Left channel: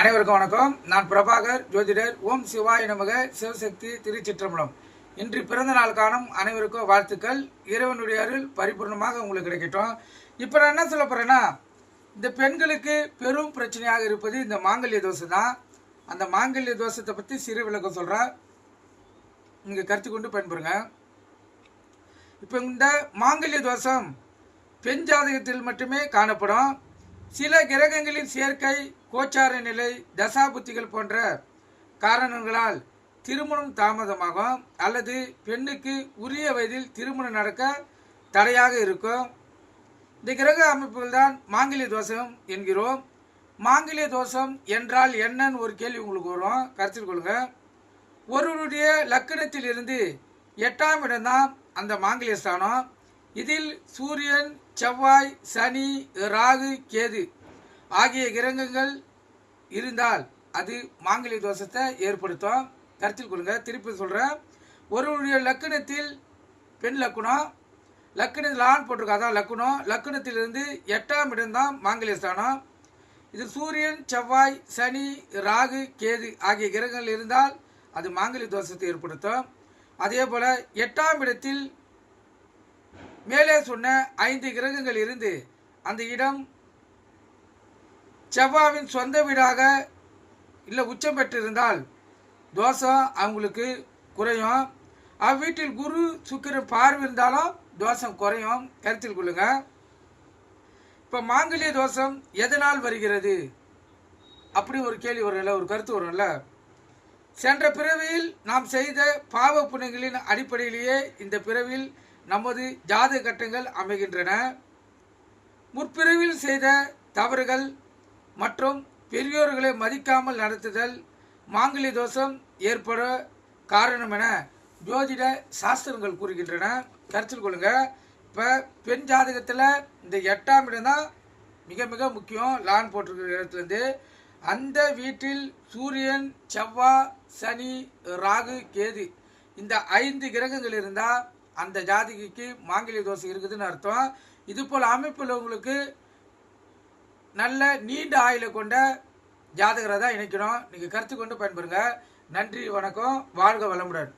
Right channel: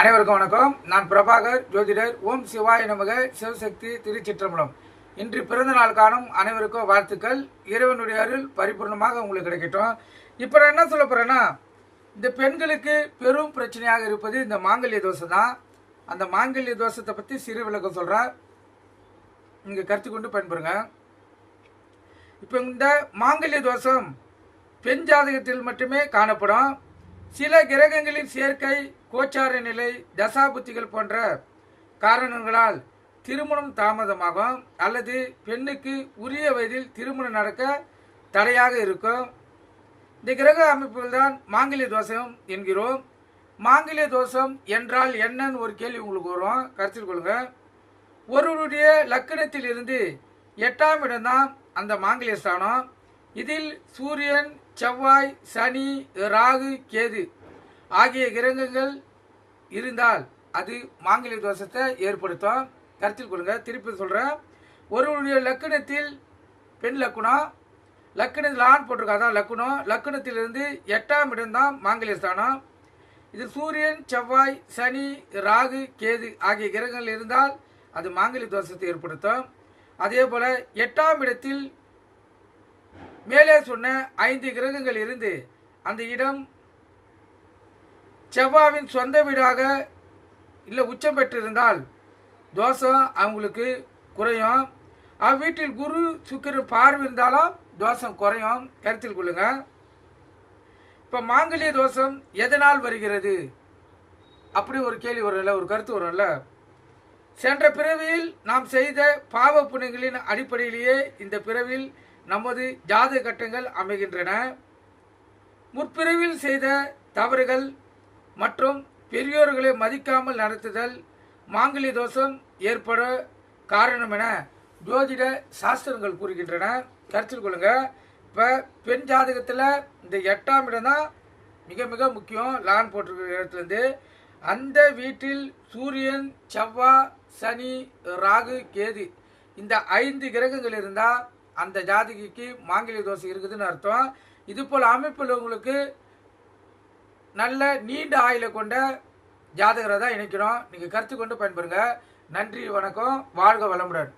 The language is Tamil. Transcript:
அனைவருக்கும் வணக்கம். நான் பிரபாகர், ஜோதிடர். ஓம் சிவாய நமக. சிவசக்தி திருச்சிற்றம்பலம். இன்று பிறந்த நாள் காணும் அனைவருக்கும் வாழ்த்துக்கள். இறைவனுடைய அருள் பரிபூர்ணமாக உங்களுக்கு கிடைக்கட்டும். இப்போ நான் என்ன சொல்ல போகிறேன்னா, இந்த பெண்களுக்கு பெரும் பிரச்சனையாக இருப்பது இந்த மாங்கல்ய தோஷம் தான். அந்த மாங்கல்ய தோஷத்தை பற்றி சிறு விளக்கம் சொல்கிறேன், நீங்கள் கருத்து கொண்டு பயன்பெறுங்க. இப்போ இந்த மாங்கல்ய தோஷம் பெண் ஜாதகத்தில் மட்டுமே காணப்படும். சில கிரகங்களின் சேர்க்கை, கோச்சார நிலை, தசாபுத்திகள் போன்ற காரணங்களால் திருமணம் தாமதமாகும் அல்லது பெண்ணுக்கு உரிய வயதில் திருமணம் நடக்க தடையாக இருக்கும். இந்த கிரக அமைப்புகள் தான் மாங்கல்ய தோஷம் என்கிறோம். மாங்கல்ய தோஷம் என்றால் என்னன்னு ஒரு கேள்வி உங்களுக்கு வரும், கருத்தில் கொள்ளுங்க. ஒருவருடைய லக்கணத்தில் இருந்து 8ஆம் இடம்தான் அந்த மாங்கல்ய ஸ்தானம். இதில் சூரியன், செவ்வாய், சனி, ராகு, கேது ஆகிய கிரகங்கள் இருந்தால் அது மாங்கல்ய தோஷத்தை ஏற்படுத்தும். கருத்தில் கொள்ளுங்க. திருப்பி சொல்கிறேன், ஒருவருடைய லக்கணத்தில் பெண் லக்குனம், லக்கணத்தில் ஆண் போட்டிருக்கா, அதான் லக்குனம். லக்கணத்திலிருந்து 8ஆம் இடம்தான் மாங்கல்ய ஸ்தானம். இது சூரியன், செவ்வாய், சனி, ராகு, கேது ஆகிய கிரகங்கள் இருந்தால் அது மாங்கல்ய தோஷத்தை ஏற்படுத்தும். அதே போல் 8ஆம் இடத்தில் மேலே சொன்ன 5 கிரகங்கள் இருந்து அந்த இடம் செவ்வாவின் சொந்த வீடாக இல்லை உச்சம் பெற்றிருந்தால் தோஷம் அவங்களுக்கு குறையும். அவ்வீட்டில் குரு, சுக்கிரன் பார்வை இருந்தாலும் தோஷம் குறையும். கருத்தில் கொள்ளுங்க. இப்போ மாங்கல்ய தோஷம் எதனால் வருகிறது அப்படி ஒரு கேள்வி வரும்ல, ஒரு கருத்து வரும்ல. சென்ற பிறவியில் நாம் செய்த பாவ புண்ணியங்களின் அடிப்படையிலேயே இந்த பிறவியில் நமது ஜாதக கட்டங்கள் அமைகின்றன. முற்பிறவில் செய்த தவறுகள் மற்றும் பெரியோர்களை மதிக்காமல் நடத்துதல் மாங்கல்ய தோஷம் ஏற்பட காரணம் என ஜோதிட சாஸ்திரங்கள் கூறுகின்றன. கருத்தில் கொள்ளுங்க. இப்போ பெண் ஜாதகத்தில் இந்த 8ஆம் இடம் தான் மிக மிக முக்கியம். லான் போட்டிருக்கிற இடத்துலேருந்து அந்த வீட்டில் சூரியன், செவ்வாய், சனி, ராகு, கேது இந்த 5 கிரகங்கள் இருந்தால் அந்த ஜாதகிக்கு மாங்கல்ய தோஷம் இருக்குதுன்னு அர்த்தம். இது போல் அமைப்பில் உங்களுக்கு நல்ல நீண்ட ஆயுளை கொண்ட ஜாதகரை தான் இணைக்கணும். நீங்கள் கருத்து கொண்டு பயன்பெறுங்க. நன்றி, வணக்கம், வாழ்க வளமுடன்.